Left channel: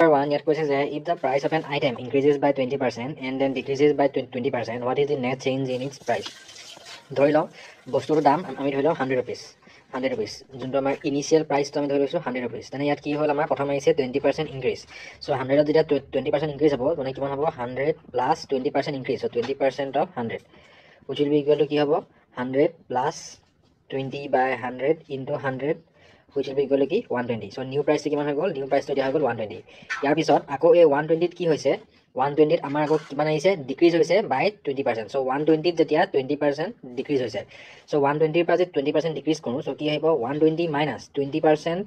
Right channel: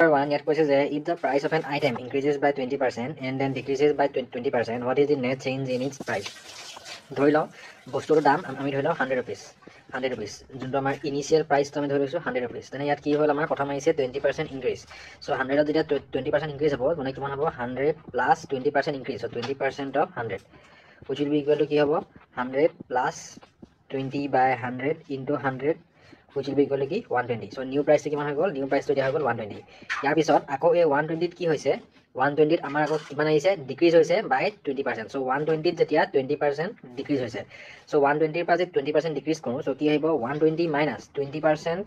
Number 1, ইয়াত কৈছে যে if the price of an item increases by 20% and then decreases by 20%, what is the net change in its price? ধৰি লওঁ বস্তুটোৰ দাম আমি ধৰি লওঁ 100 rupees 100 rupees যোনটো আমাৰ ইনিচিয়েল প্ৰাইচটো আমি ধৰি লৈছোঁ 100 rupees তেনে ইয়াত কি হ'ল আমাৰ প্ৰথম আহিছে 20% ইনক্ৰিজ চ' 100ত যেতিয়া 20% ইনক্ৰিজ হ'ব মানে কিমান হ'ব 100 plus 20% increase so' 20% of 100 which will be equal to কি হ'ব 100 plus 20 by 100 into 100 which will be equal to কি 120 so new price কিমান হৈ গ'ল new price তো দিয়া হৈ গ'ল 120 ইয়াৰ পিছত আকৌ এই 120 কি হৈছে 120 আমাৰ আকৌ কিমান আহিছে ডিক্ৰিজ হৈছে বাই 20% so 120 যেতিয়া 20% ডিক্ৰিজ হৈছে so 120 পৰা যদি 20% ডিক্ৰিজ কৰোঁ so কি আহিব 120 minus 20%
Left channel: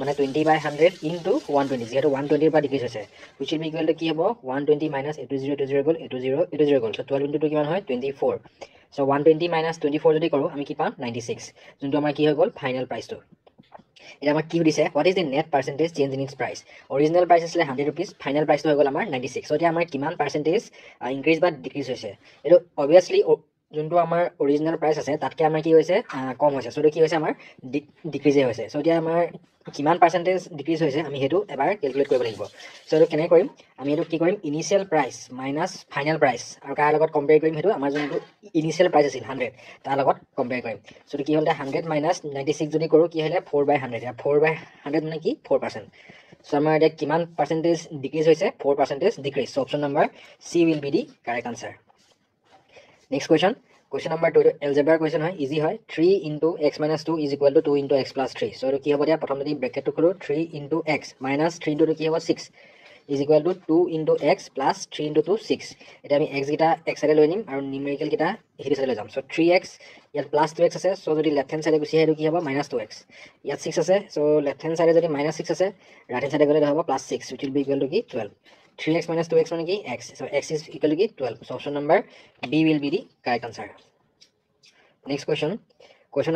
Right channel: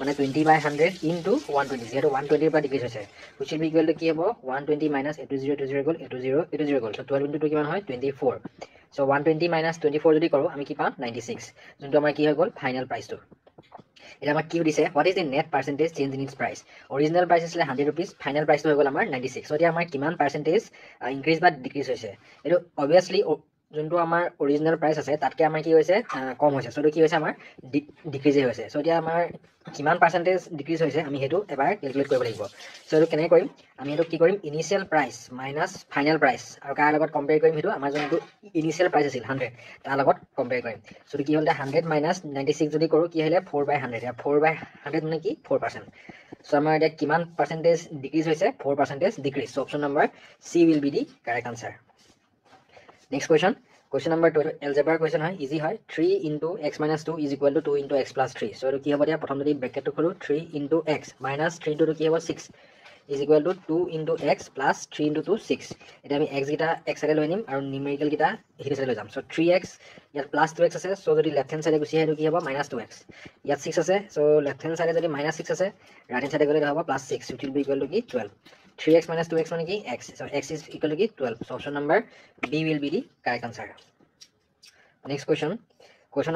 মানে 20 by 100 into 120 যেহেতু 120 পৰা ডিক্ৰিজ হৈছে which will be equal to কি হ'ব 120 minus 80 গ'ল 80 গ'ল so 12 into 2 কিমান হয় 24 so 120 minus 24 যদি কৰোঁ আমি কি পাম 96 যোনটো আমাৰ কি হৈ গ'ল ফাইনেল প্ৰাইচটো এটা আমাক কি দিছে what is the net percentage change in its price original price আছিলে 100 rupees final price তো হৈ গ'ল আমাৰ 96 so এতিয়া আমাৰ কিমান পাৰ্চেন্টেজ ইনক্ৰিজ বা ডিক্ৰিজ হৈছে এইটো অবভিয়াছলি যোনটো আমাৰ অৰিজিনেল প্ৰাইচ আছে তাতকৈ আমাৰ কি হৈছে কম হৈছে চ' কি হৈছে আমাৰ ডিক্ৰিজে হৈছে চ' এতিয়া আমাৰ কিমান পাৰ্চেন্টেজ ডিক্ৰিজ হৈছে আমি সেইটো এবাৰ কেলকুলেট কৰিব লাগিব চ' এইটো কেনেকৈ কৰিম আমি এইটো কি কৰিম initial price minus final price আৰু কাৰ লগত কম্পেয়াৰ কৰিম সেইটো আমাৰ যোনটো ইনিচিয়েল প্ৰাইচ আছিল 100 তাৰ লগত কম্পেয়াৰ কৰিম চ' কি হ'ল 100 মাইনাছ 96 যদি কৰোঁ কি আহিলে 4/100 4/100 মানে কি 4% চ' আমাৰ এতিয়া কিমান পাৰ্চেন্টেজ ডিক্ৰিজ হৈছে 4% decrease so' option number C will be the correct answer next question question number 2 algebra question হয় easy হয় 3 into x minus 2 is equal to 2 into x plus 3 so এইটো কি হ'ব দিয়া প্ৰথম যদি ব্ৰেকেটটো খোলো 3 into x minus 3 into কি হ'ব 6 is equal to 2 into x plus 3 into 2 6 এতিয়া আমি x গিটা x সাইডে লৈ নিম আৰু নিউমেৰিকেল গিটা হেৰি সাইডে লৈ যাম so 3x ইয়াত plus 2x আছে so যদি লেফট হ্যান্ড সাইডে গুচি আহে কি হ'ব minus 2x ইয়াত 6 আছে so লেফট হ্যান্ড সাইডে যদি minus 6 আছে ৰাইট হ্যান্ড সাইডে গ'লে হ'ব plus 6 which will be equal to কি 12 3x minus 2x মানে কি x so x is equal to কি 12 so option number B will be the correct answer next question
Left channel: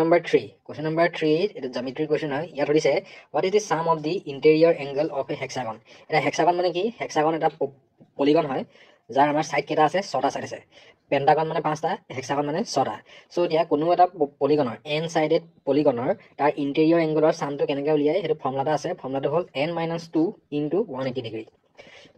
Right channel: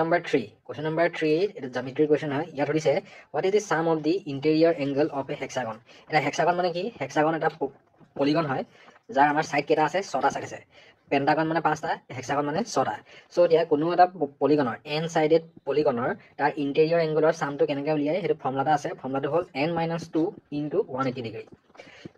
number 3 it is geometry question হয় ইয়াত সুধিছে what is the sum of the interior angle of a hexagon এটা hexagon মানে কি hexagon এটা polygon হয় যাৰ আমাৰ সাইড কেইটা আছে 6টা সাইড আছে পেন্টাগন মানে 5টা hexagon মানে 6টা সো এতিয়া কোনো এটা পলিগনৰ n সাইডেড পলিগনৰ তাৰ ইন্টেৰিয়ৰ এংগলৰ সামটো কেনেকৈ উলিয়াই হেতু ফৰ্মুলাটা আছে ফৰ্মুলাটো হ'ল n - 2 * 180 ডিগ্ৰী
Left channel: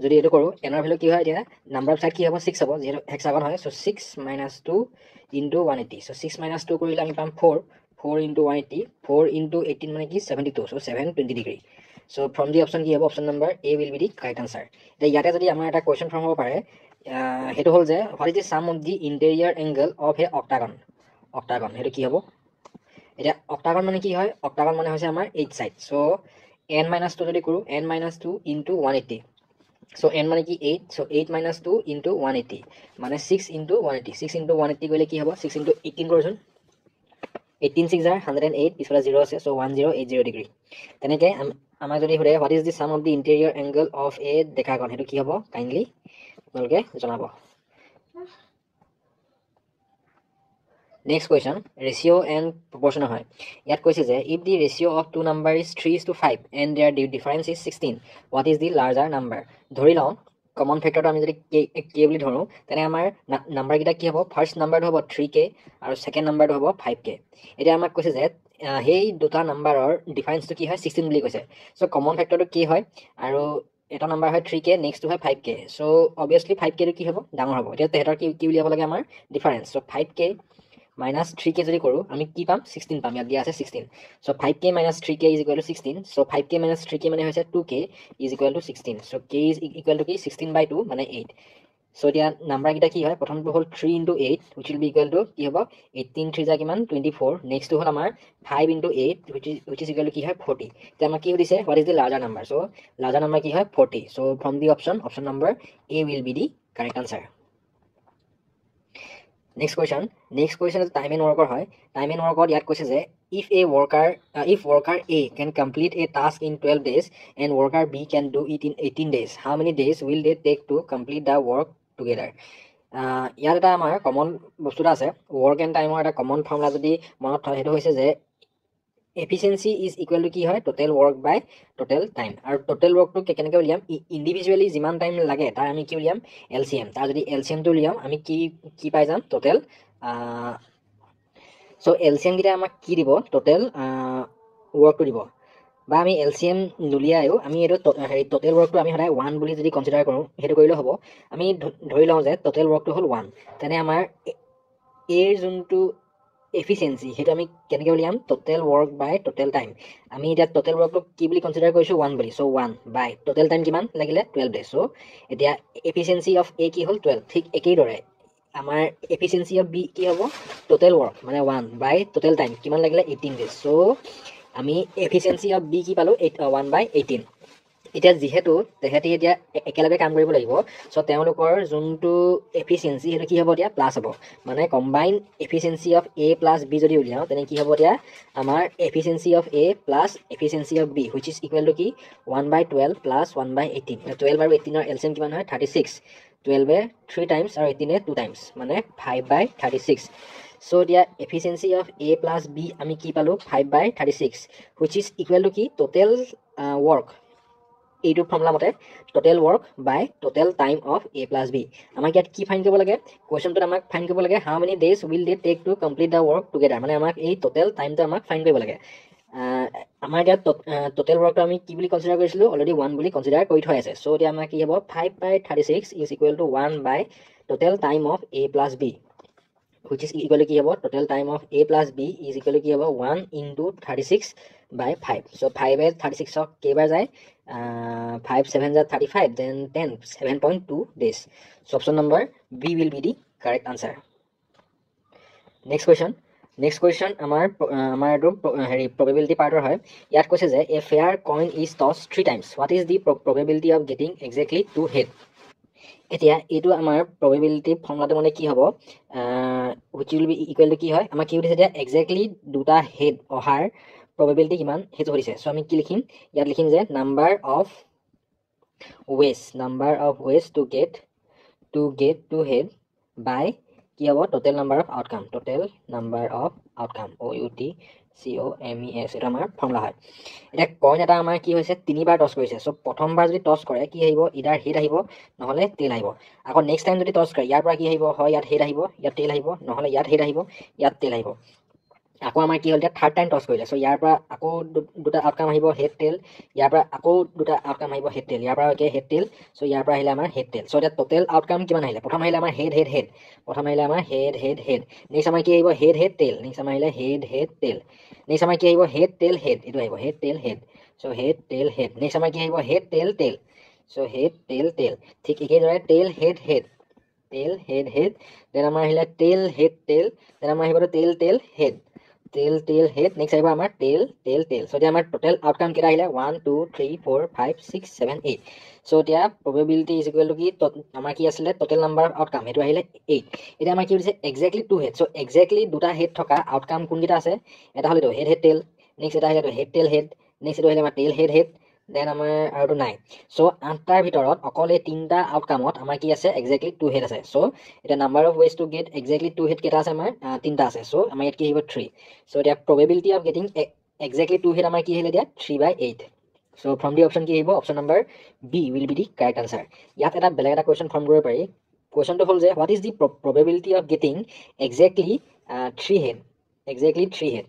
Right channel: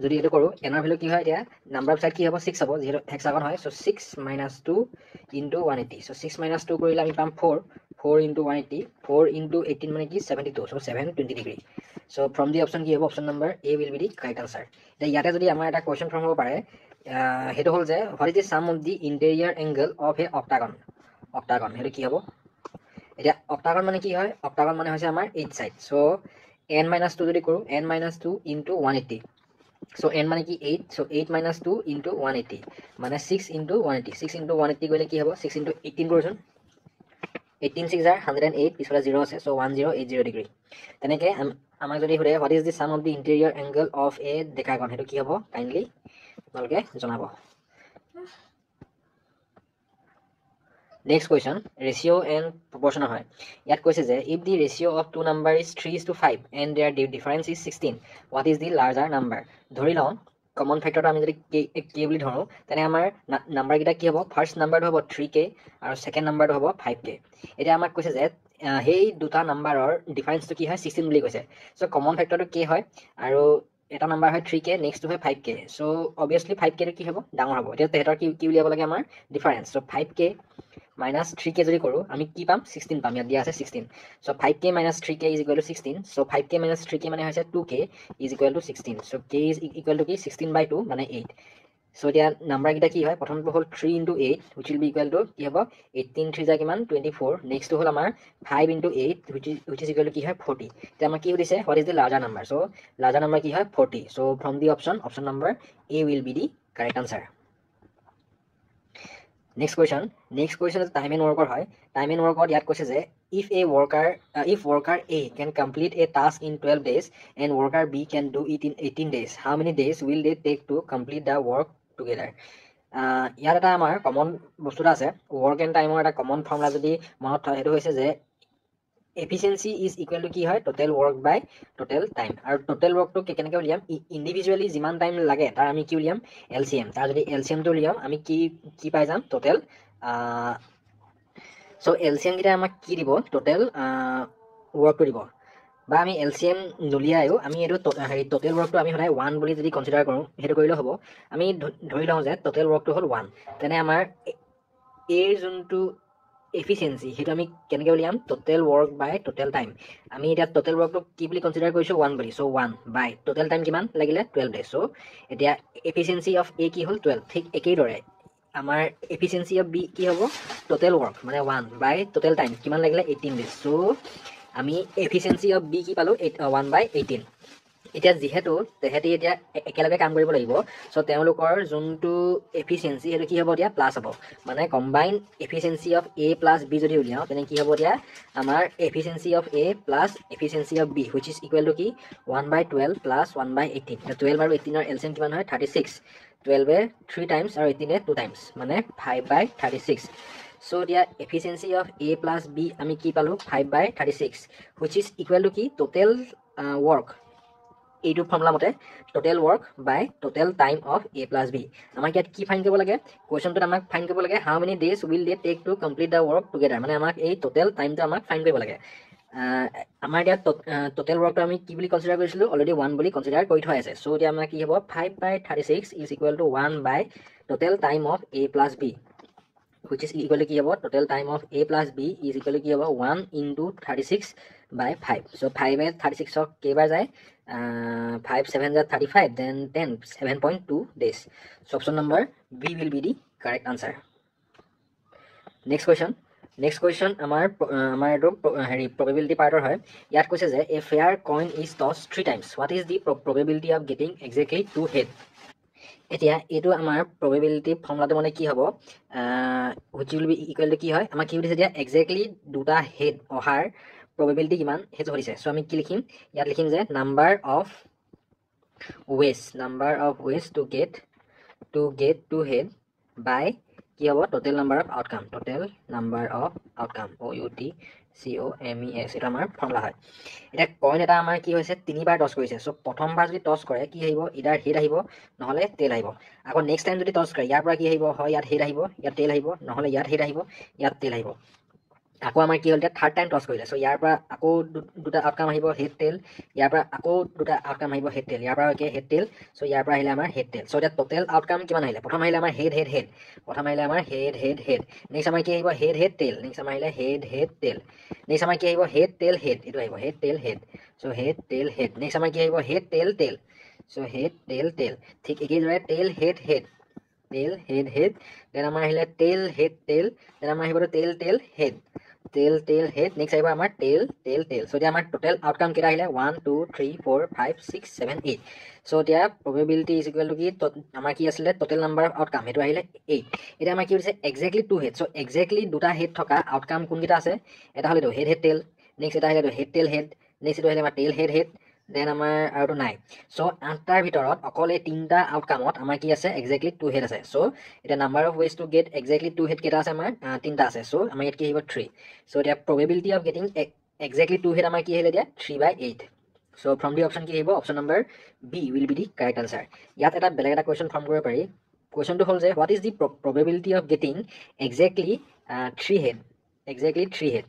যদি এটো কৰো n এর ভ্যালু কি হয় এতিয়া নাম্বার অফ সাইড কি হ'ব 6 হ'ব যেহেতু হেক্সাগন হয় সো 6 - 2 * 180 সো 6 - 2 কৰিলে আমি পাম 4 4 * 180 4 * 18 মানে কি 72 so 720 degree so from the option কি হ'ব option number A will be the correct answer এতিয়া ইয়াতে যদি আমাৰ এটা কোৱেশ্চন ফৰ্ম হ'ব পাৰে হেতু হ'ল যে what is the sum of the interior angle of A octagon হেতু কি হ'ব এতিয়া অক্টাগন মানে কি হয় অক্টাগন মানে হৈছে আমাৰ 8 সাইড সো n - 2 যদি কৰো n - 2 * 180 so n মানে কি 8 so 8 - 2 * 180 মানে 6 * 180 6 * 180 কৰিলে কি হ'ব 6 * 18 কৰচোন 18 6 are 108 পিছফালে 0 আছে so 1080 ডিগ্ৰী তেনেকে আমাৰ যদি হৰে what is the sum of the interior angle of a decagon হেতু কি হ'ব কাইন্ডলি আপোনালোকে জনাব next question ratio and proportion হয় ইয়াত কৈছে যে if the ratio of two number is 3:5 and their difference is 16 what is the larger number ধৰি লওঁ কমন ফ্যাক্টৰটো আমি যদি k বুলি ধৰো তেনে আমাৰ নাম্বাৰ কিটা কি হ'ব ফাৰ্স্ট নাম্বাৰটো হ'ব 3k আৰু সেকেন্ড নাম্বাৰটো হ'ব 5k এতিয়া আমাক কৈছে যে হেই দুটা নাম্বাৰৰ ডিফাৰেন্সটো কি হয় 16 বুলি কৈছে সো কমন ফ্যাক্টৰটো k হয় আৰু এটা নাম্বাৰ হয় 3k নেক্সট হয় 5k সো অবভিয়াসলি 5k টো কি হ'ব ডাঙৰ হ'ব এতিয়া তেহেতৰ কি উলিয়াব লাগে আমাৰ difference so 5k minus 3k যদি কৰো আমি কি পাম 16 পাম ইয়াত দিয়া আছে 16 so 5k minus 3k is equal to 16 so 5k minus 3k মানে হৈছে 2k is equal to 16 so k is equal to কি 16/2 মানে 8 so এতিয়া নাম্বাৰ কিটা কি হয় প্ৰথমটো হ'ল 3 * 8 which will be equal to কি হ'ব 18 3 যা কিমান 24 নেক্সট হ'ল আমাৰ 5 * 8 which is equal to কি হয় 40 এতিয়া আমাৰ কি দিছে what is the larger number so larger number কি হয় 40 so from the option number a will be the correct answer next question is time and worker হয় time and worker ইয়াত কৈছে যে if worker A can complete a task in 12 days and worker B can do it in 18 days how many days will they take to complete the work together ইয়াত এটা আমাৰ common বস্তুটা আছে work and time এটা common formula যদি মনত থয় হেতু হৈছে যে efficiency is equal to কি হয় total work by total time আৰু total work টো কেনেকৈ উলিয়াম ইন্ডিভিজুয়ালি যিমান টাইম লাগে তাৰ আমি কি উলিয়াম LCM তাৰ যদি LCM টো উলিয়াম আমি কি পাই যাম total সো LCM গিটা আমাক কি দিব total work টো দিব বা আমি LCM নুলিয়ায়ো আমি এইটো হেৰি টোটেল ৱৰ্কটো আমি সদায় 1 বুলি যদি কনচিডাৰ কৰোঁ সেইটো কৰিলে হ'ব আমি ধৰি লওঁ যে টোটেল ৱৰ্কটো হ'ল 1 তেনে আমাৰ এৰ যোনটো এফিচিয়েঞ্চি সেইটো আমি কেনেকৈ উলিয়াম total work by total time আমি এতিয়া টোটেল ৱৰ্কটো কি বুলি কনচিডাৰ কৰিছোঁ 1 বুলি চ' 1 বাই টোটেল টাইম কিমান লাগিলে 12 ডেজ চ' এতিয়া এফিচিয়েঞ্চি অফ এ কি হ'ল 12 ঠিক একেইদৰে আমাৰ এফিচিয়েঞ্চি অফ বি কি হ'ব টোটেল ৱৰ্ক মানে 1 বাই টোটেল টাইম কিমান লাগিলে 18 ডেজ চ' আমি এফিচিয়েঞ্চি অফ বি কি পালোঁ 1 বাই 18 এতিয়া যিহেতু তেহেঁতি এতিয়া একেলগে কাম কৰিব লাগিব চ' তেওঁলোকৰ যোনটো এফিচিয়েঞ্চি সেইটো কি হ'ব এতিয়া প্লাছ হ'ব মানে combine efficiency of A plus B যদি উলিয়াওঁ তেনে কি হ'ব এতিয়া আমাৰ efficiency of A plus efficiency of B which is equal to কি 1 বাই 12 প্লাছ 1 বাই 18 12 আৰু 18ৰ এলচিএম কিমান হয় 36 12 3 টাইমছ আৰু 18 2 টাইমছ মানে 5 বাই 36 চ' এতিয়া efficiency of A plus B আমি কি পালোঁ 5 by 36 which is equal to কি টোটেল ৱৰ্ক এইটো ফৰ্মুলা মতে total work by total time of A plus B আমাক ইয়াত কি ফাইন কৰিব লাগে কুৱেশ্যনটোত আমাক ফাইন কৰিব লাগে how many days will they take to complete the work together মানে আমাক এই টোটেল টাইমটো আমাক ফাইন কৰিব লাগে আমাৰ এতিয়া টোটেল ৱৰ্কটো আমি কি বুলি কনচিডাৰ কৰিছিলোঁ অলৰেডি 1 বুলি কনচিডাৰ কৰি থৈ আছে চ' এতিয়া আমাৰ কি হ'ব 5 by 36 is equal to 1 by total time of A plus B which is equal to কি হ'ব total time of a plus b is equal to কি হ'ব 1 into 36 by 5 so 5 as 36 of কেইবাৰ যায় 5 7 are 35 then 10 7.2 days so option number b will be the correct answer next question আমাৰ এইটো হেৰি probability পাৰ্টৰ হয় ইয়াত কৈছে যে a fair coin is tossed 3 times what is the probability of getting exactly 2 head এতিয়া এইটো আমাৰ probability ফৰ্মুলাটো মানে কি হ'ব which will be equal to কি হয় আমাক কি সুধিছে এতিয়া এক্সেক্টলি দুটা হেড অহাৰ probability কিমান সেইটো সুধিছে চ' আমি কি লিখিম ইয়াত লিখিম যে number of ways to get to head by কি হ'ব total number of outcome OUTCOMEX এটা আমাৰ ফৰ্মুলা হয় এতিয়া কইন এটা আমাৰ কি হৈছে 3বাৰ টছ কৰিছে চ' প্ৰথমবাৰ যদি টছ কৰে কি আহিব ইডাৰ হেড আহিব নহ'লে টেল আহিব আকৌ নেক্সট টাইম যদি টছ কৰে ইয়াৰ পৰা কি আহিব হয় ইয়াত হেড আহিব ইয়াত টেল আহিব নহ'লে ইয়াত হেড আহিব ইয়াত টেল আহিব আকৌ আমাৰ কি হ'ল এতিয়া থাৰ্ড টাইম টছ কৰিলে চ' ইয়াৰ পৰা আকৌ দুটা আউটকাম আহিব হেড টেল ইয়াৰ পৰা আকৌ দুটা আউটকাম আহিব হেড টেল ইয়াৰ পৰা একে হেড টেল চ' ইয়াৰ পৰা আহিলে আমাৰ হেড টেল চ' এতিয়া টোটেল আউটকাম কিমান আহিলে প্ৰথম আহিলে আমাৰ হেড প্ৰথম আহিলে আমাৰ হেড নেক্সট আমাৰ কি আহিব হেড টেল নেক্সট আমাৰ আহিলে হেড টেল নেক্সট আমাৰ কি আহিব হেড টেল হেড এইটো আহিব হেড টেল হেড চ' হেড টেল হেড নেক্সট আমাৰ কি আহিব হেড টেল চ' হেড টেল ঠিক একেদৰে টেল হেড দেন আমাৰ আহিলে টেল হেড দেন আমাৰ আহিব টেল হেড নেক্সট আহিব আমাৰ টেল চ' এতিয়া আমাৰ টোটেল আউটকাম কেইটা আহিলে 1 2 3 4 5 6 7 8 চ' এতিয়া probability is equal to কি আমাৰ কি আছিলে টোটেল নাম্বাৰ অফ আউটকাম সেইটো আহিলে 8 এতিয়া আমাৰ কি হৈছে এক্সেক্টলি 2 হেড চ' এক্সেক্টলি দুটা হেড থকা আউটকাম কোনকেইটা আছে এটা হ'ল হেড টেল নেক্সট এটা আহিলে হেড টেল হেড নেক্সট এইটো আহিলে আমাৰ টেল হেড দেন আমাৰ আৰুটো নাই চ' 8টাৰ ভিতৰত অকল এই 3টা আউটকামত আমাৰ কি আছে এক্সেক্টলি 2 হেড আছে চ' এতিয়া number of ways to get exactly 2 head কেইটা আছে আমাৰ 3টা আছে চ' আমাৰ ইয়াত কি আহিব 3 চ' এতিয়া probability of getting exactly 2 head আমাৰ কি আহিলে এতিয়া 3/8 চ' from the option কি আহিব option number B will be the correct answer ইয়াত এটা বেলেগ এটা question form কৰিব পাৰি questionটো হ'ল যে what is the probability of getting exactly 3 head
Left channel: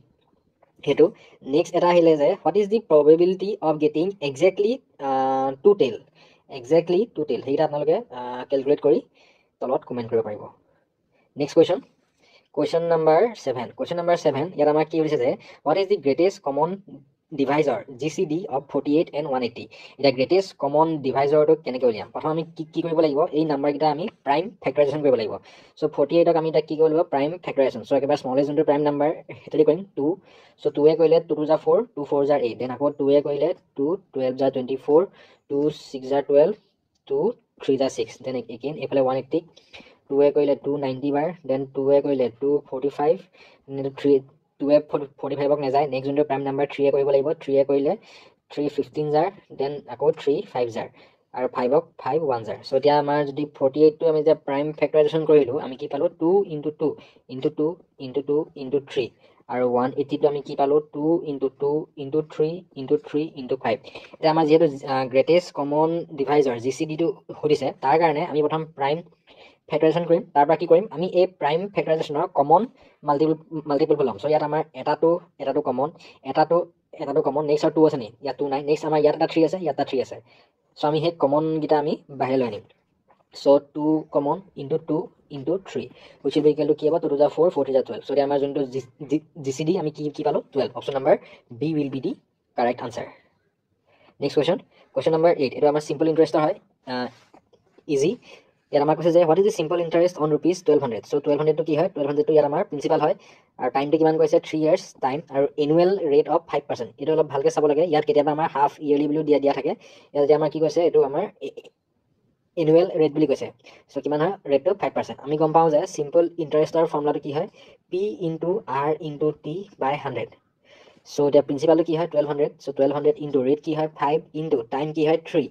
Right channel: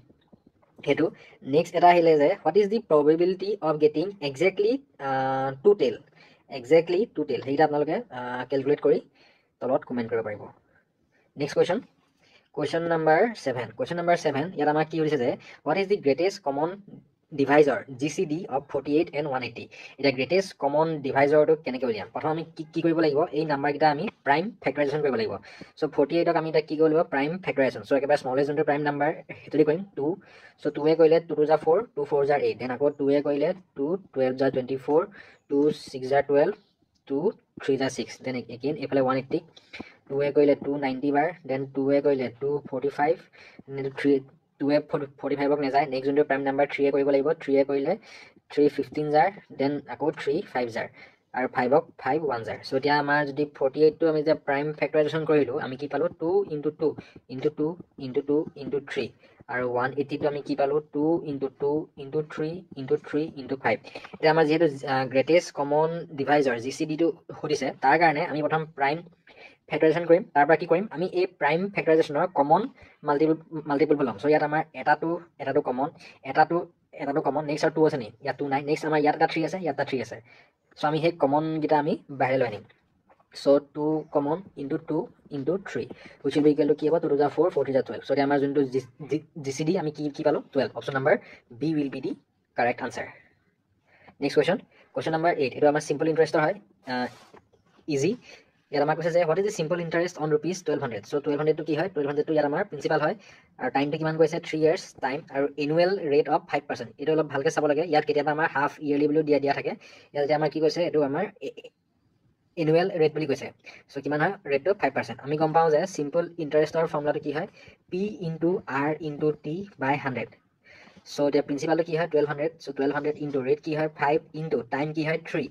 সেইটো next এটা আহিলে যে what is the probability of getting exactly 2 tail সেইটা আপোনালোকে calculate কৰি তলত comment কৰিব পাৰিব next question number 7 ইয়াত আমাৰ কি হৈছে যে what is the greatest common divisor GCD of 48 and 180 এটা greatest common divisor টো কেনেকৈ উলিয়াম প্ৰথম আমি কি কৰিব লাগিব এই নাম্বাৰ কেইটা আমি প্ৰাইম ফেক্টৰাইজেশ্যন কৰিব লাগিব চ' 48 ক আমি এটা কি কৰিব লাগিব প্ৰাইম ফেক্টৰাইজেশ্যন চ' একেবাৰে স্মলেষ্ট যোনটো প্ৰাইম নাম্বাৰ সেইটো কৰিম 2 চ' 2 এ কৰিলে 2 2 যা 4 2 4 যা 8 দেন আকৌ 2 এ কৰিলে 2 12 যা 24 2 6 যা 12 2 3 যা 6 দেন এগেইন এইফালে 180 2 এ কৰিলে 290 বাৰ দেন 2 এ কৰিলে 245 2 এ 45ক নেযায় নেক্সট যোনটো প্ৰাইম নাম্বাৰ 3 এ কৰিব লাগিব 3 এ কৰিলে 315 জাৰ দেন আকৌ 3 5 জাৰ আৰু 5ক 5 1 জাৰ চ' এতিয়া আমাৰ যদি 48 টো আমি যে প্ৰাইম ফেক্টৰাইজেশ্যন কৰিলোঁ আমি কি পালোঁ 2 into 2 into 2 into 2 into 3 আৰু 180 টো আমি কি পালোঁ 2 into 2 into 3 into 3 into 5 এতিয়া আমাৰ যিহেতু গ্ৰেটেষ্ট কমন ডিভাইজৰ GCD টো সুধিছে তাৰ কাৰণে আমি প্ৰথম প্ৰাইম ফেক্টৰাইজেশ্যন কৰিম তাৰ পৰা কি কৰিম আমি এই প্ৰাইম ফেক্টৰাইজেশ্যনৰ কমন মাল্টিপল ল'ম চ' ইয়াত আমাৰ এটাটো কমন এটাটো এটাটো কমন নেক্সট আৰু 2 আছে নি ইয়াত 2 নাই নেক্সট আমাৰ ইয়াত এটা 3 আছে ইয়াত এটা 3 আছে সো আমি সেই কমন গিটা আমি বাহিৰ লৈ আনিম so 2 common into 2 into 3 which will be equal to কি হ'ব 2 to the 4 4 to the 12 so আমাৰ যোনটো জিসিডি আমি কি পালো 12 option number B will be the correct answer next question number 8 এটা আমাৰ সিম্পল ইন্টাৰেস্ট হয় ইজি ইয়াত আমাৰ কৈছে যে what is the simple interest on rupees 1200 so 1200 to কি হয় 1200 to ইয়াত আমাৰ প্ৰিন্সিপাল হয় আৰু টাইমটো কিমান কৈছে 3 years টাইম আৰু এনুৱেল ৰেট অফ 5% এটা অলপ ভালকে চাব লাগে ইয়াত কেতিয়াবা আমাৰ হাফ ইয়াৰলি বুলি দিয়া থাকে ইয়াত যে আমাৰ কি কৈছে এটো আমাৰ এনুৱেল ৰেট বুলি কৈছে সো কিমান হয় ৰেটটো 5% আমি গম পাও যে সিম্পল ইন্টাৰেস্টৰ ফৰ্মুলাটো কি হয় p into r into t by 100 so এটা প্ৰিন্সিপালটো কি হয় 1200 সো 1200 into ৰেট কি হয় 5 into টাইম কি হয় 3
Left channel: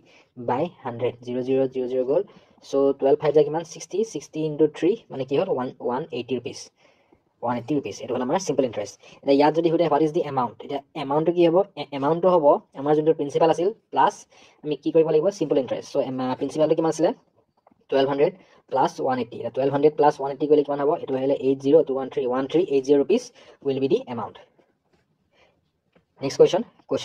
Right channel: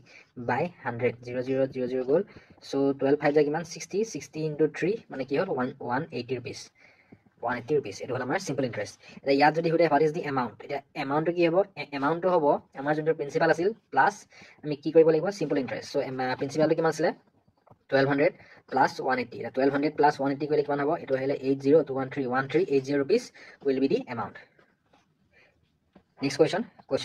by 100 0000 গল সো 12 5 যায় কিমান 60 60 into 3 মানে কি হল 180 rupees 180 rupees এটো হল আমাৰ সিম্পল ইন্টারেস্ট এটা ইয়াত যদি হতে what is the amount এটা এমাউন্টটো কি হ'ব এমাউন্টটো হ'ব আমাৰ যোনটো প্ৰিন্সিপাল আছিল প্লাস আমি কি কৰিব লাগিব সিম্পল ইন্টাৰেস্ট সো প্ৰিন্সিপালটো কিমান আছিল 1200 plus 180 এটা 1200 plus 180 কৰিলে কিমান হ'ব এটো আহিলে 80 rupees will be the amount next question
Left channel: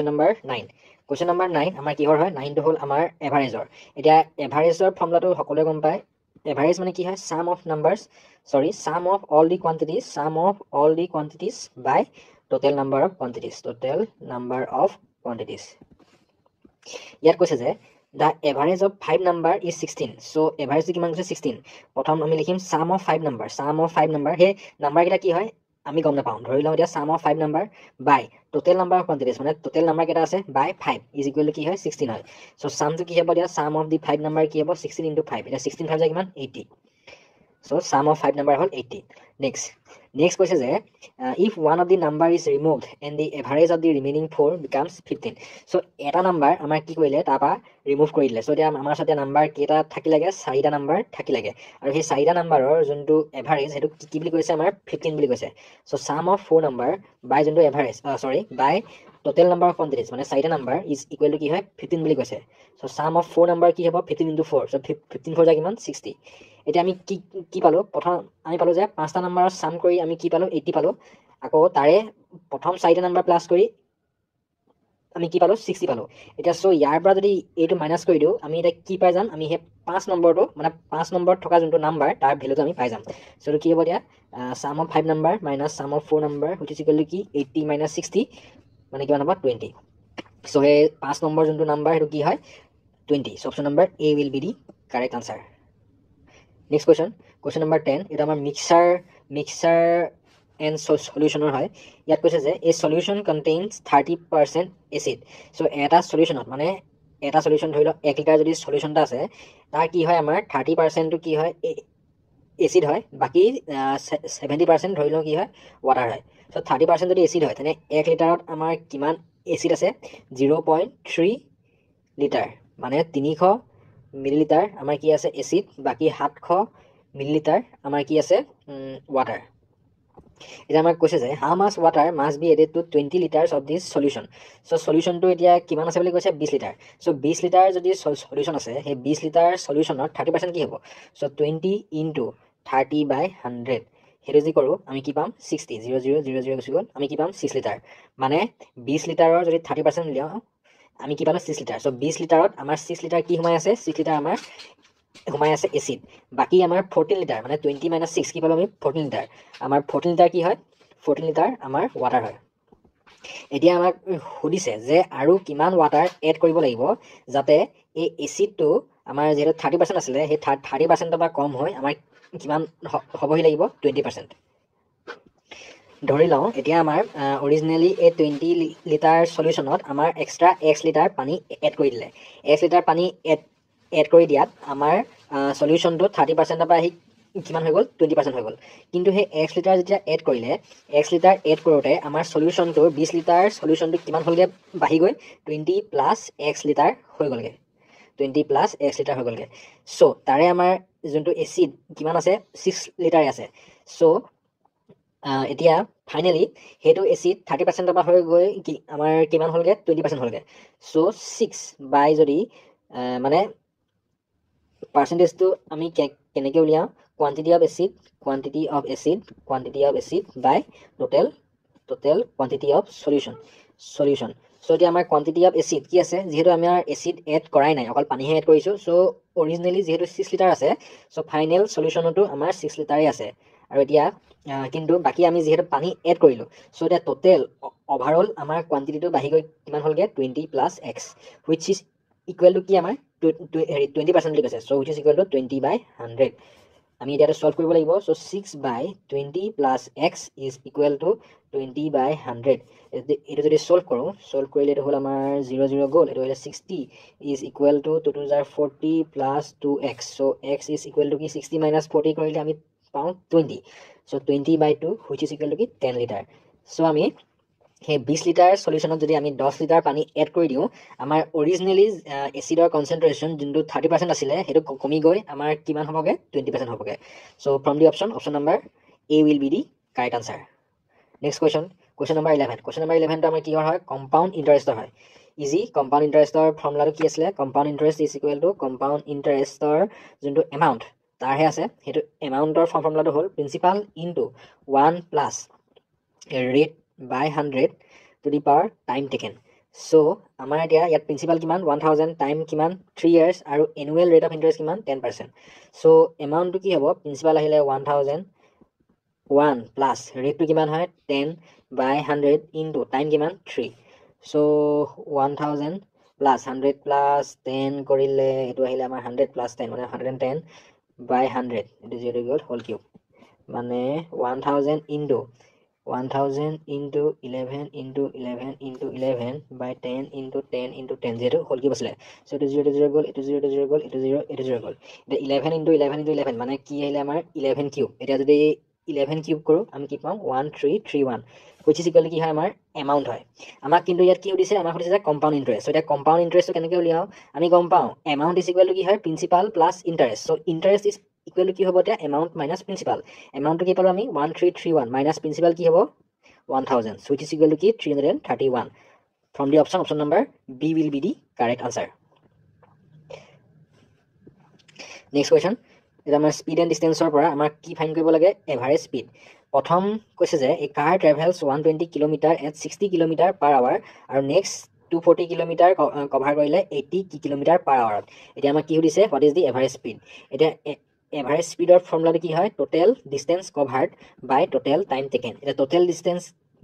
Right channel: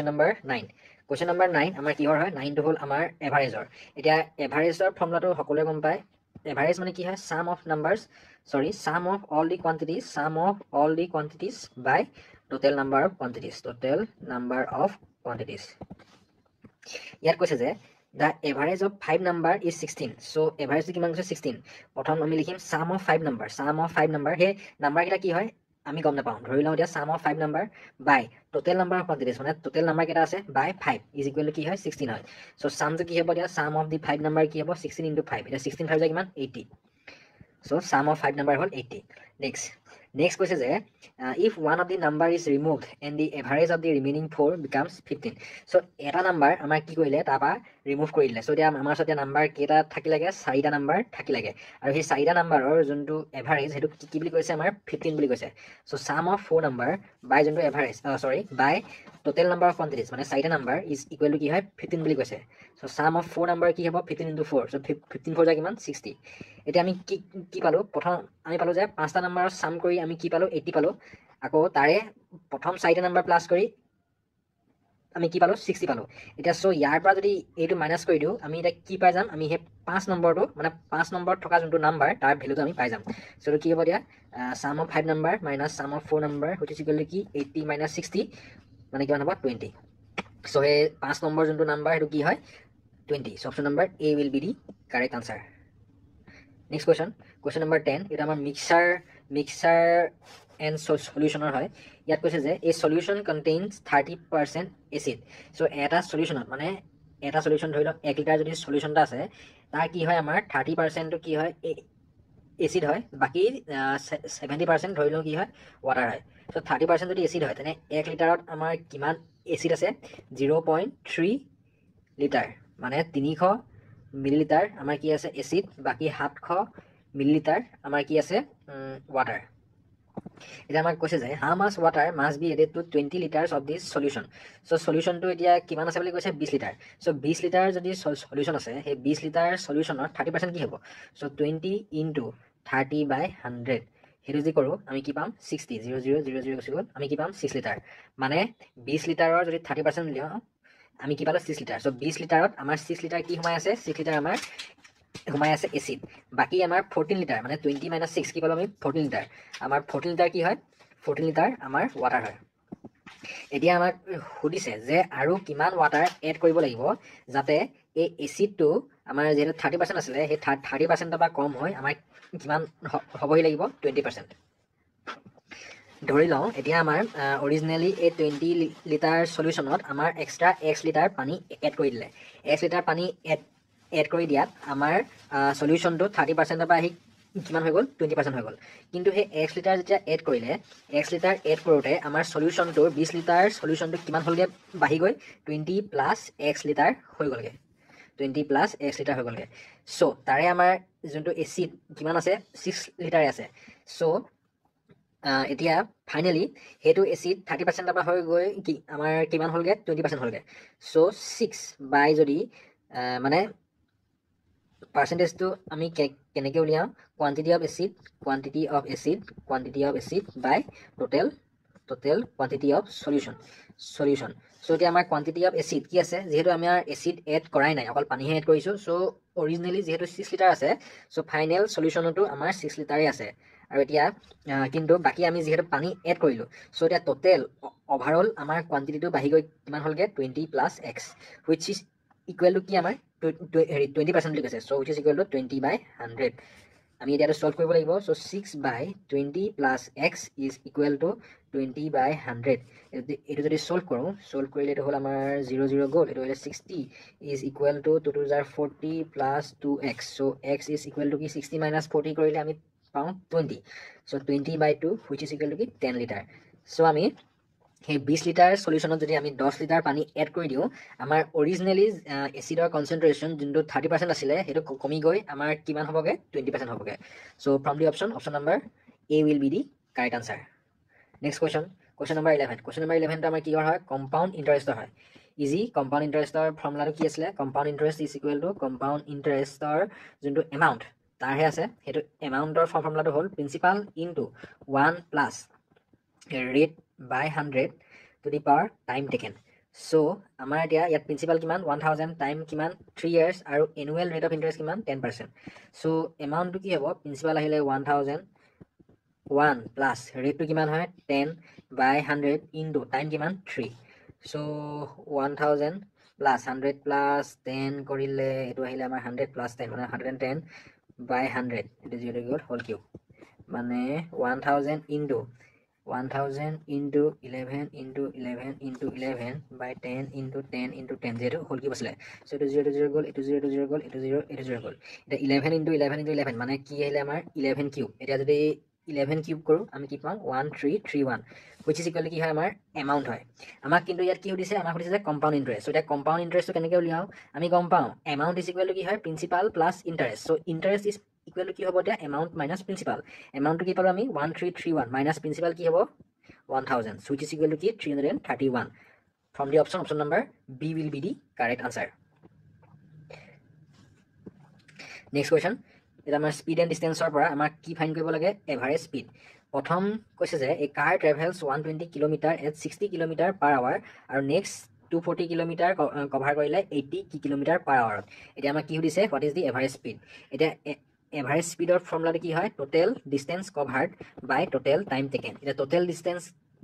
number 9 আমাৰ কিহৰ হয় 9 টো হল আমাৰ এভাৰেজৰ এটা এভাৰেজৰ ফৰ্মুলাটো সকলোৱে গম পায় এভাৰেজ মানে কি হয় sum of all the quantities by total number of quantities ইয়াত কৈছে যে the average of 5 number is 16 so average কিমান কৈছে 16 প্ৰথম আমি লিখিম sum of 5 number হে নাম্বাৰ কেইটা কি হয় আমি গম নাপাওঁ ধৰি লওঁ এতিয়া sum of 5 number by total number of quantities মানে total number কেইটা আছে by 5 is equal to কি হয় 16 হয় so sum টো কি হ'ব দিয়া sum of the 5 number কি হ'ব 16 into 5 এটা 16 5 যায় কিমান 80 so sum of 5 number হ'ল 80 next কৈছে যে if one of the number is removed and the average of the remaining 4 becomes 15 so এটা নাম্বাৰ আমাৰ কি কৰিলে তাপা ৰিমুভ কৰি দিলে so এতিয়া আমাৰ সাথে নাম্বাৰ কেটা থাকি লাগে 4টা নাম্বাৰ থাকি লাগে আৰু সেই 4টা নাম্বাৰৰ যোনটো এভাৰেজ হেতু কি বুলি কৈছে আমাৰ 15 বুলি কৈছে so sum of 4 number by যোনটো average by total number of quantities মানে 4টা নাম্বাৰ is equal to কি হয় 15 বুলি কৈছে so sum of 4 number কি হ'ব 15 into 4 so 15 4 যায় কিমান 60 এটা আমি কি পালো প্ৰথম আমি পালো যে 5টা নাম্বাৰৰ সাম কৰি আমি কি পালো 80 পালো আকৌ তাৰে প্ৰথম 4টা নাম্বাৰ প্লাস কৰি আমি কি পালো 60 পালো এটা সো ইয়াৰ পৰা যদি এইটো মাইনাস কৰি দিও আমি এটা কি পাই যাম আমি হে 5 নম্বৰটো মানে 5 নম্বৰ থকা যোনটো নাম্বাৰ তাৰ ভ্যালুটো আমি পাই যাম সো কি হ'ব দিয়া sum of 5 number minus sum of 4 number which is equal to কি 80 minus 60 মানে কিমান হ'ব 20 সো হে 5 নম্বৰ যোনটো নাম্বাৰ হেতু কি হয় 20 so option number A will be the correct answer next question number 10 এটা আমাৰ mixer and solutioner হয় ইয়াত কৈছে যে a solution contains 30% acid so এটা সলিউশনত মানে এটা সলিউশন ধৰিলো 1 লিটাৰ যদি সলিউশনটা আছে তাৰ কি হয় আমাৰ 30% টো কি হয় এসিড হয় বাকি 70% ধৰিলো কি হয় ওয়াটাৰ হয় so 30% যদি এসিড হয় তেনে 1 লিটাৰত আমাৰ কিমান এসিড আছে 0.3 লিটাৰ মানে 300 মিলিলিটাৰ আমাৰ কি আছে এসিড বাকি 700 মিলিলিটাৰ আমাৰ কি আছে ওয়াটাৰ এটা আমাক কৈছে যে how much water must be added to 20 liters of this solution so solution টো এতিয়া কিমান আছে বুলি কৈছে 20 লিটাৰ so 20 লিটাৰ যদি সলিউশন আছে হে 20 লিটাৰ সলিউশনত 30% কি হ'ব so 20 into 30 by 100 হেতু যি কৰো আমি কি পাম 60 0000 গুছি গল আমি কি পাম 6 লিটাৰ মানে 20 লিটাৰৰ যদি 30% লিয়া আমি কি পালো 6 লিটাৰ so 20 লিটাৰত আমাৰ 6 লিটাৰ কি সোমাই আছে 6 লিটাৰ আমাৰ সোমাই আছে এসিড বাকি আমাৰ 14 লিটাৰ মানে 20 minus 6 কি পালো আমি 14 লিটাৰ আমাৰ 14 লিটাৰ কি হয় 14 লিটাৰ আমাৰ ওয়াটাৰ হয় এতিয়া আমাক সুধিছে যে আৰু কিমান ওয়াটাৰ এড কৰিব লাগিব যাতে এই এসিডটো আমাৰ যেটো 30% আছিল হে 30% বা কম হয় আমাৰ কিমান হবহি লাগিব 20% ধৰি লওঁ এতিয়া আমাৰ অৰিজিনালি এই 20 লিটাৰ সলিউশনত আমাৰ এক্সট্ৰা x লিটাৰ পানী এড কৰি দিলে x লিটাৰ পানী এড কৰি দিয়াত আমাৰ সলিউশনটো 30% পৰা কিমান হৈ গল 20% হৈ গল কিন্তু হে x লিটাৰ যেতিয়া এড কৰিলে x লিটাৰ এড কৰোতে আমাৰ সলিউশনটো 20 লিটাৰ সলিউশনটো কিমান হলগে বাহি গৈ 20 plus x লিটাৰ হৈ গলগে 20 plus x লিটাৰ হৈ গলগে সো তাৰে আমাৰ যোনটো এসিড কিমান আছে 6 লিটাৰ আছে সো এতিয়া ফাইনালি হেতু এসিড 30% পৰা হৈ গৈ কি আমাৰ কিমান হলগে 20% হলগে সো 6 বাই যদি মানে percentage to আমি কেনেকে উলিয়াও quantity of acid by total quantity of solution solution. So এতিয়া আমাৰ quantity of acid কি আছে যেহেতু আমি আৰ acid add কৰাই নাই অকল পানীহে add কৰিছো so originally যেহেতু 6 লিটাৰ আছে so final solutionটো আমাৰ 6 লিটাৰই আছে আৰু এতিয়া কিন্তু বাকি আমি যেহেতু পানী add কৰিলো so এতিয়া total overall আমাৰ quantityটো বাঢ়ি গৈ কিমান হ'লগে 20 plus x which is equal to কি আমাৰ 20% বুলি কৈছে so which is equal to 20 by 100 আমি এটা সলভ কৰিব লাগিব so 6 by 20 plus x is equal to 20 by 100 এটা যদি সলভ কৰো সলভ কৰিলে এটা হল আমাৰ 0 0 গল এটা হলে 60 is equal to 2 to 40 plus 2x so x is equal to কি 60 minus 40 কৰিলে আমি পাওঁ 20 so 20 by 2 which is equal to কি 10 liter so আমি সেই 20 লিটাৰ সলিউশনত যদি আমি 10 লিটাৰ পানী এড কৰি দিও আমাৰ অৰিজিনালি এসিডৰ কনসেন্ট্ৰেশন যোনটো 30% আছিল হেটো কমি গৈ আমাৰ কিমান হবগে 20% হবগে so from the option number A will be the correct answer next question number 11 question number 11 টো আমাৰ কি হয় কম্পাউণ্ড ইন্টাৰেষ্টৰ হয় ইজি কম্পাউণ্ড ইন্টাৰেষ্টৰ ফৰ্মুলাটো কি আছিল compound interest is equal to compound ইন্টাৰেষ্টৰ যোনটো এমাউণ্ট তাৰহে আছে হেটো এমাউণ্টৰ ফৰ্মুলাটো হ'ল principal into 1 plus rate by 100 to the power time taken so আমাৰ এতিয়া ইয়াত প্ৰিন্সিপাল কিমান 1000 টাইম কিমান 3 years আৰু annual rate of interest কিমান 10% so amount টো কি হ'ব প্ৰিন্সিপাল আহিলে 1000 1 plus rate টো কিমান হয় 10 by 100 into time কিমান 3 so 1000 plus 100 plus 10 কৰিলে এটো আহিলে আমাৰ 100 plus 10 মানে 110 by 100 it is very good whole cube মানে 1000 into 11 into 11 into 11 by 10 into 10 into 10 0 whole cube asile so it is 0 0 goal it is 0 0 goal it is 0 it is 0 goal এটা 11 into 11 into 11 মানে কি আহিলে আমাৰ 11 cube এটা যদি 11 cube কৰো আমি কি পাম 1331 which is equal to কি হয় আমাৰ amount হয় আমাক কিন্তু ইয়াত কি হৈছে আমাক হৈছে compound interest so এটা compound interest কেনেকৈ উলিয়াও আমি গম পাও amount is equal to কি হয় principal plus interest so interest is equal to কি হ'ব এতিয়া amount minus principal amount কি পালো আমি 1331 minus principal কি হ'ব 1000 so which is equal to কি 331 from the option number B will be the correct answer next question এটা আমাৰ স্পিড এন্ড ডিসটেন্সৰ পৰা আমাৰ কি ফাইন্ড কৰিব লাগে এভাৰেজ স্পিড প্ৰথম কৈছে যে a car travels 120 kilometre at 60 kilometre per hour আৰু নেক্সট 240 কিলোমিটাৰ কভাৰ কৰিলে 80 কিলোমিটাৰ পাৰ আৱাৰত এতিয়া আমাক কি সুধিছে what is the average speed এতিয়া এভাৰেজ স্পিডৰ ফৰ্মুলাটো কি হয় total distance covered by total time taken এটা টোটেল ডিসটেন্স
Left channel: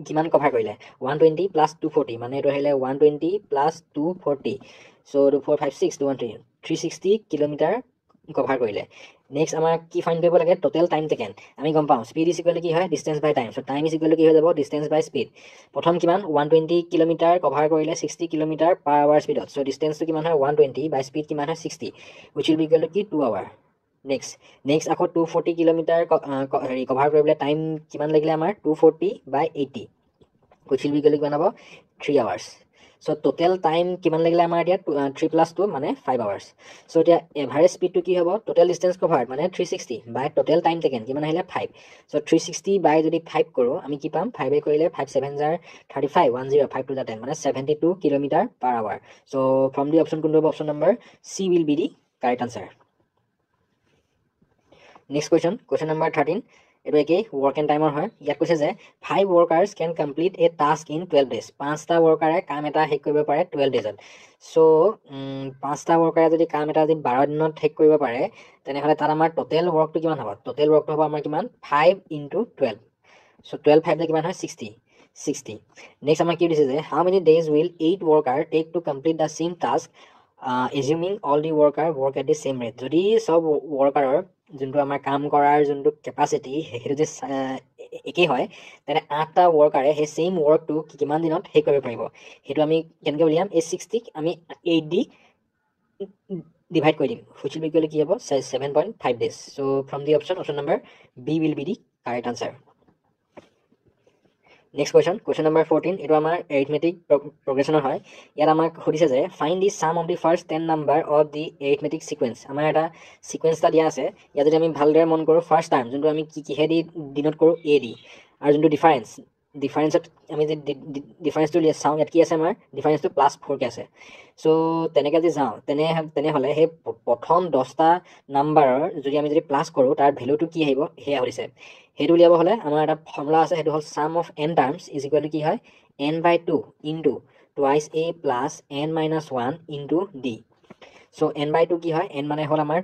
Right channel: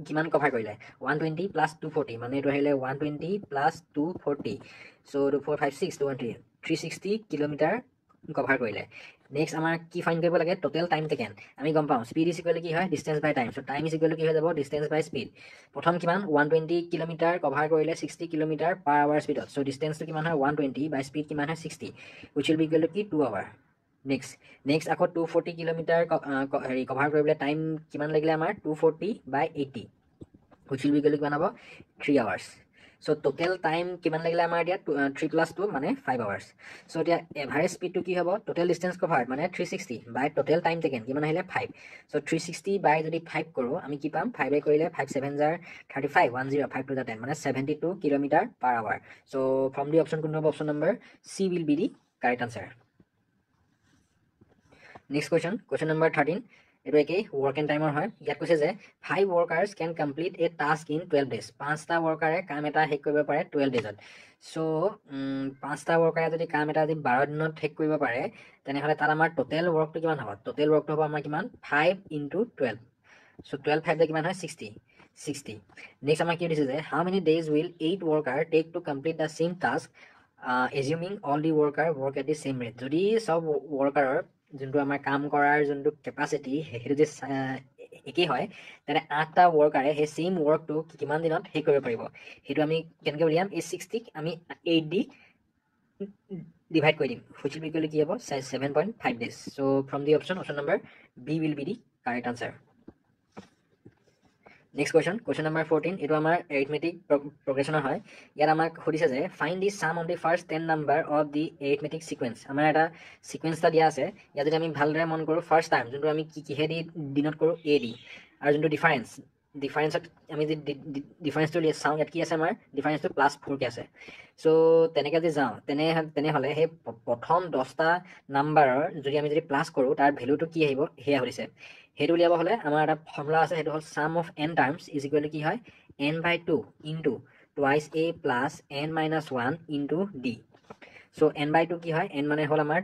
কিমান কভাৰ কৰিলে 120 প্লাস 240 মানে এটো আহিলে 120 প্লাস 240 সো 456 213 360 কিলোমিটাৰ কভাৰ কৰিলে নেক্সট আমাৰ কি ফাইন্ড কৰিব লাগে টোটেল টাইম টেকেন আমি গম পাওঁ স্পিড ইজ ইকুৱেল টু কি হয় distance by time so time is equal to কি হৈ যাব ডিসটেন্স বাই স্পিড প্ৰথম কিমান 120 কিলোমিটাৰ কভাৰ কৰিলে 60 কিলোমিটাৰ পাৰ আৱাৰ স্পিডত সো ডিসটেন্সটো কিমান হয় 120 বাই স্পিড কিমান হয় 60 which will be equal to কি 2 আৱাৰ next আকৌ 240 কিলোমিটাৰ হেৰি কভাৰ কৰিবলৈ টাইম কিমান লাগিলে আমাৰ 240 বাই 80 which will be equal to কিমান হ'ব 3 hours so total time কিমান লাগিলে আমাৰ এতিয়া 3 plus 2 মানে 5 hours so এতিয়া এভাৰেজ স্পিডটো কি হ'ব total distance covered মানে 360 by total time taken কিমান আহিলে 5 so 360 by যদি 5 কৰো আমি কি পাম 5 এ কৰিলে 5 7 jar 35 10 5 to the 10 মানে 72 kilometre per hour so from the option কোনটো option number C will be the correct answer next question number 13 এটা কি work and timer হয় ইয়াত কৈছে যে 5 workers can complete a task in 12 days পাঁচটা workerে কাম এটা শেষ কৰিব পাৰে 12 daysত so পাঁচটা workerে যদি কাম এটা যদি 12 দিনত শেষ কৰিব পাৰে তেনেহলে তাৰ আমাৰ total workটো কিমান হ'ব total workটো হ'ব আমাৰ কিমান 5 into 12 so 12 5 কিমান হয় 60 next আমাৰ কি দিছে যে how many days will 8 worker take to complete the same task assuming all the worker work at the same rate যদি সব workerer যোনটো আমাৰ কাম কৰাৰ যোনটো ক্যাপাসিটি হেটো যে একেই হয় তেনে 8টা workerে হে সেম workটো কিমান দিনত শেষ কৰিব পাৰিব হেটো আমি কেনেকৈ উলিয়াম এই 60 আমি 8 দি divide কৰি দিম which will be equal to কি হ'ব 7.5 days so from the option number B will be the correct answer next question number 14 এটো আমাৰ arithmetic progression হয় ইয়াত আমাক সুধিছে যে find the sum of the first 10 number of the arithmetic sequence আমাৰ এটা sequence টা দিয়া আছে ইয়াত যদি আমি ভালদৰে মন কৰো first time যোনটো আমি কি হেদি ডিনোট কৰো a দি আৰু যোনটো ডিফাৰেন্সত আমি যে ডিফাৰেন্সটো লিয়া চাও ইয়াত কি আছে আমাৰ ডিফাৰেন্সটো +4 কে আছে সো তেনেকৈ যদি যাও তেনেহলে হে প্ৰথম 10টা নাম্বাৰৰ যদি আমি যদি প্লাস কৰো তাৰ ভ্যালুটো কি আহিব হেয়া হৈছে হেতু লিয়াব হলে আমাৰ এটা ফৰ্মুলা আছে হেতু হল sum of n terms is equal to কি হয় n by 2 into twice a plus n minus 1 into d. So n by 2 কি হয়, n মানে হল আমাৰ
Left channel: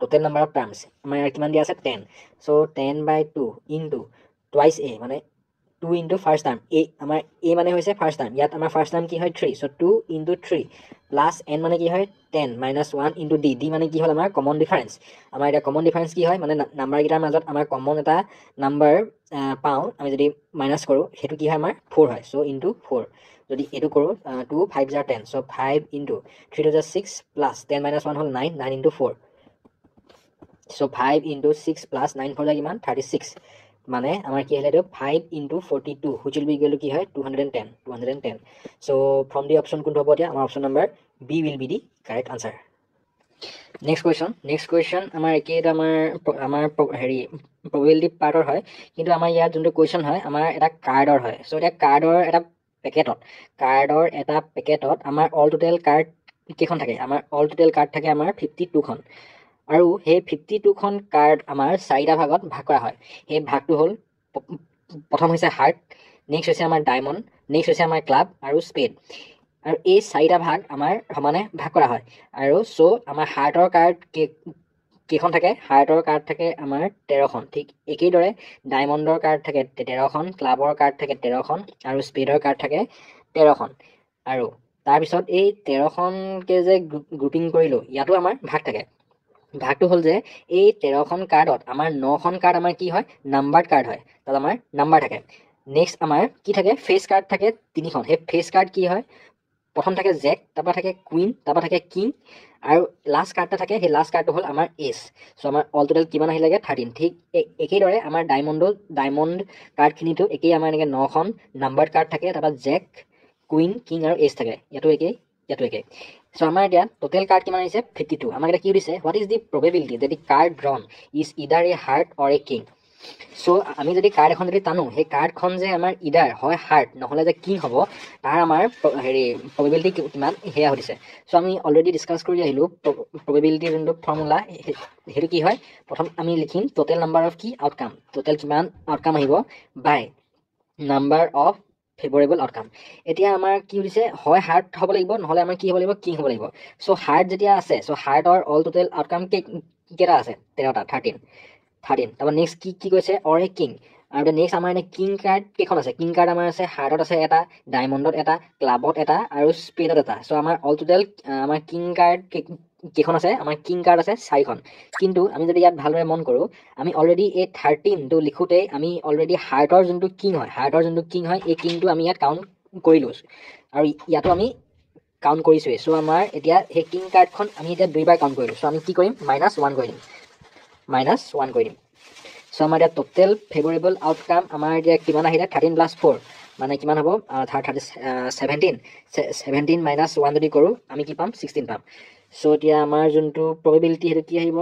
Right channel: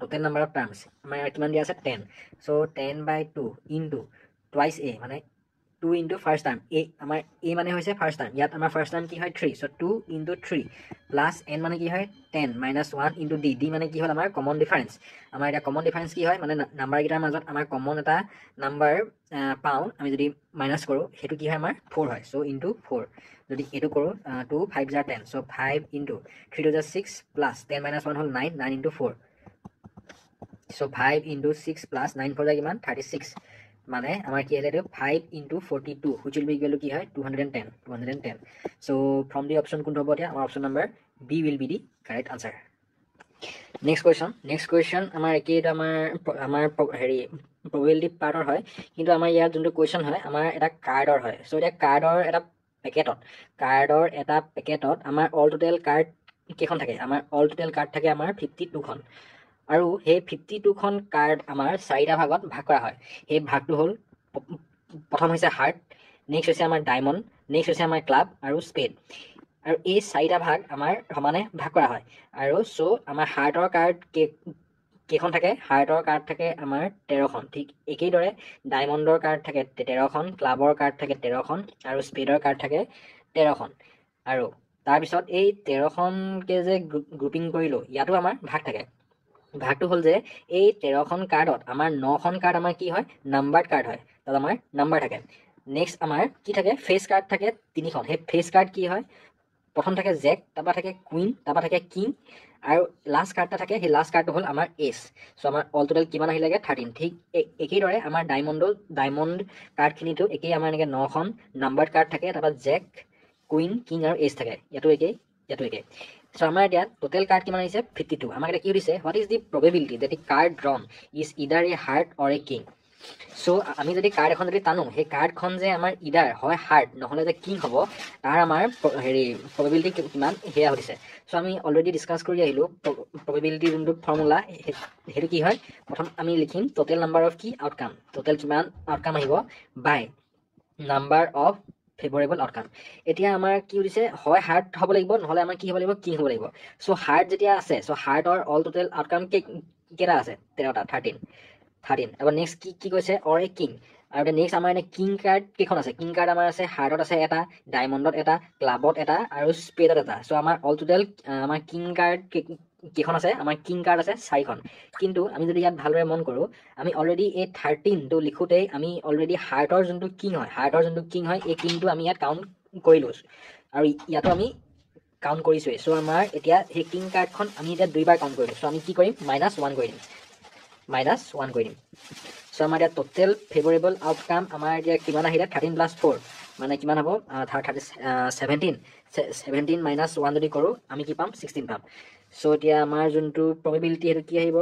total number of terms, আমাৰ ইয়াৰ কিমান দিয়া আছে 10. So 10 by 2 into twice a মানে 2 into first term, a আমাৰ a মানে হৈছে first term, ইয়াত আমাৰ first term কি হয় 3. So 2 into 3 plus n মানে কি হয় 10 minus 1 into d. d মানে কি হ'ল আমাৰ common difference. আমাৰ এটা common difference কি হয় মানে নাম্বাৰ কেইটাৰ মাজত আমাৰ common এটা নাম্বাৰ পাওঁ, আমি যদি মাইনাছ কৰোঁ সেইটো কি হয় আমাৰ 4 হয়. So into 4 যদি এইটো কৰোঁ 2 5 jar 10. So 5 into 3 to the 6 plus 10 minus 1 হ'ল 9, 9 into 4. So 5 into 6 plus 9 for the কিমান 36. মানে আমাৰ কি হ'লে 5 into 42 which will be equal to কি হয় 210. So from the option কোনটো হ'ব এতিয়া, আমাৰ option number B will be the correct answer. Next question আমাৰ একেইটা আমাৰ হেৰি probability পাৰ্টৰ হয়, কিন্তু আমাৰ ইয়াত যোনটো question হয় আমাৰ এটা কাৰ্ডৰ হয়. So এটা কাৰ্ডৰ এটা পেকেটত আমাৰ অল টোটেল কাৰ্ড কেইখন থাকে, আমাৰ অল টোটেল কাৰ্ড থাকে আমাৰ 52 খন, আৰু সেই 52 খন কাৰ্ড আমাৰ 4টা ভাগত ভাগ কৰা হয়. সেই ভাগটো হ'ল প্ৰথম হৈছে হাৰ্ট, নেক্সট হৈছে আমাৰ ডায়মণ্ড, নেক্সট হৈছে আমাৰ ক্লাব আৰু স্পেড, আৰু এই 4টা ভাগ আমাৰ সমানে ভাগ কৰা হয়. আৰু চ' আমাৰ হাৰ্টৰ কাৰ্ড কেইখন থাকে, হাৰ্টৰ কাৰ্ড থাকে আমাৰ 13খন, ঠিক একেইদৰে ডায়মণ্ডৰ কাৰ্ড থাকে 13খন, ক্লাবৰ কাৰ্ড থাকে 13খন, আৰু স্পেডৰ কাৰ্ড থাকে 13খন. আৰু তাৰপিছত এই 13খনকে যে গ্ৰুপিং কৰিলো, ইয়াতো আমাৰ ভাগ থাকে. ভাগটো হ'ল যে এই 13খন কাৰ্ডত আমাৰ 9খন কাৰ্ড আমাৰ কি হয় নাম্বাৰ্ড কাৰ্ড হয়, তাত আমাৰ নাম্বাৰ থাকে. নেক্সট আমাৰ কি থাকে ফেচ কাৰ্ড থাকে 3খন. সেই ফেচ কাৰ্ড কি হয়, প্ৰথম থাকে জেক, তাৰপৰা থাকে কুইন, তাৰপৰা থাকে কিং, আৰু লাষ্ট কাৰ্ডটা থাকে, সেই লাষ্ট কাৰ্ডটো হ'ল আমাৰ এছ. চ' আমাৰ অল টোটেল কিমান আহিলেগে 13. ঠিক একেদৰে আমাৰ ডায়মণ্ড কাৰ্ডখিনিতো একেই, আমাৰ এনেকৈ 9খন নাম্বাৰ্ড কাৰ্ড থাকে, তাৰপৰা জেক, কুইন, কিং আৰু এছ থাকে, ইয়াতো একেই ইয়াতো একেই. চ' আমাৰ এতিয়া টোটেল কাৰ্ড কিমান আহিছে 52. আমাক এতিয়া কি সুধিছে, what is the probability that the card drawn is either a heart or a king. চ' আমি যদি কাৰ্ড এখন যদি টানো, সেই কাৰ্ডখন যে আমাৰ ইডাৰ হয় হাৰ্ট নহ'লে যে কিং হ'ব, তাৰ আমাৰ হেৰি প্ৰবেবিলিটি কিমান সেয়া সুধিছে. চ' আমি অলৰেডি ডিছকাছ কৰি আহিলোঁ প্ৰবেবিলিটিৰ যোনটো ফৰ্মুলা, সেইটো কি হয়, প্ৰথম আমি লিখিম টোটেল নাম্বাৰ অফ কি আউটকাম, টোটেল কিমান আউটকাম আহিব বাই নাম্বাৰ অফ ফেভৰেবল আউটকাম. এতিয়া আমাৰ কি হৈছে, হয় হাৰ্ট হ'ব লাগিব নহ'লে আমাৰ কি হ'ব লাগিব কিং হ'ব লাগিব. চ' হাৰ্ট যেতিয়া আছে, চ' হাৰ্টৰ অল টোটেল আউটকাম কেইটা আছে 13টা 13. তাৰপৰা নেক্সট কি কৈছে অৰ এ কিং, আৰু এতিয়া নেক্সট আমাৰ এনে কিং কাৰ্ড কেইখন আছে, কিং কাৰ্ড আমাৰ আছে হাৰ্টত আছে এটা, ডায়মণ্ডত এটা, ক্লাবত এটা আৰু স্পেডত এটা. চ' আমাৰ অল টোটেল আমাৰ কিং কাৰ্ড কেইখন আছে, আমাৰ কিং কাৰ্ড আছে 4খন. কিন্তু আমি যদি ইয়াত ভালদৰে মন কৰোঁ, আমি অলৰেডি এই 13টো লিখোঁতেই আমি অলৰেডি হাৰ্টৰ যোনটো কিং হয় এই কিংটো আমি ইয়াত কাউণ্ট কৰিলোঁ, আৰু ইয়াতো আমি কাউণ্ট কৰিছোঁৱেই. চ' আমাৰ এতিয়া সেই কিং কাৰ্ডখন আমি এতিয়া 2বাৰ কাউণ্ট কৰিলোঁ. চ' আমি কি কৰিম -1 কৰি দিম, চ' আমাৰ এতিয়া টোটেল ফেভৰেবল আউটকাম আমাৰ এতিয়া কিমান আহিলে 13 + 4 মানে কিমান হ'ব 17 -1 যদি কৰোঁ আমি কি পাম 16 পাম. চ' এতিয়া আমাৰ যোনটো প্ৰবেবিলিটি সেইটো কি আহিব,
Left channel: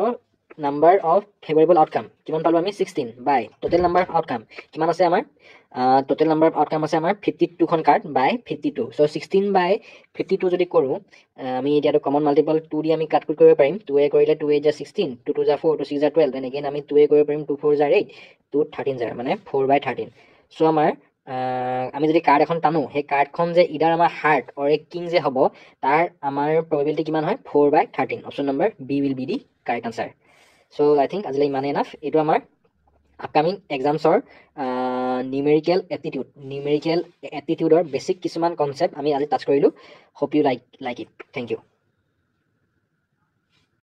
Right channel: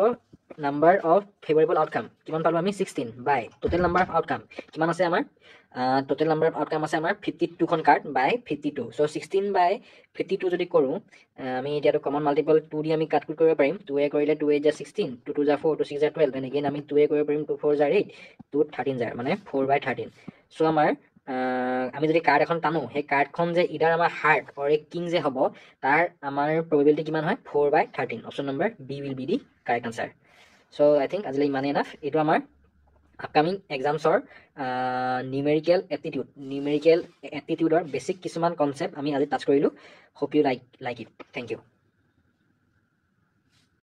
নাম্বাৰ অফ ফেভৰেবল আউটকাম কিমান পালোঁ আমি 16 বাই টোটেল নাম্বাৰ অফ আউটকাম কিমান আছে আমাৰ, টোটেল নাম্বাৰ অফ আউটকাম আছে আমাৰ 52খন কাৰ্ড বাই 52. চ' 16 বাই 52 যদি কৰোঁ, আমি এতিয়াতো কমন মাল্টিপল 2 দি আমি কাট কৰিব পাৰিম. 2 কৰিলে 2 × 16, 2 × 4, 2 × 6 = 12, দেন এগেইন আমি 2 কৰিব পাৰিম, 2 × 4 = 8, 2 × 13 মানে 4/13. চ' আমাৰ আমি যদি কাৰ্ড এখন টানো, সেই কাৰ্ডখন যে ইডাৰ আমাৰ হাৰ্ট অৰ এ কিং যে হ'ব, তাৰ আমাৰ প্ৰবেবিলিটি কিমান হয় 4/13. Option number B will be the correct answer. So' I think আজিলৈ ইমানেই এনাফ. এইটো আমাৰ আপকামিং এক্সামছৰ নিউমেৰিকেল এপ্টিটিউডৰ বেছিক কিছুমান কনচেপ্ট আমি আজি টাচ কৰিলোঁ. Hope U like it. Thank U.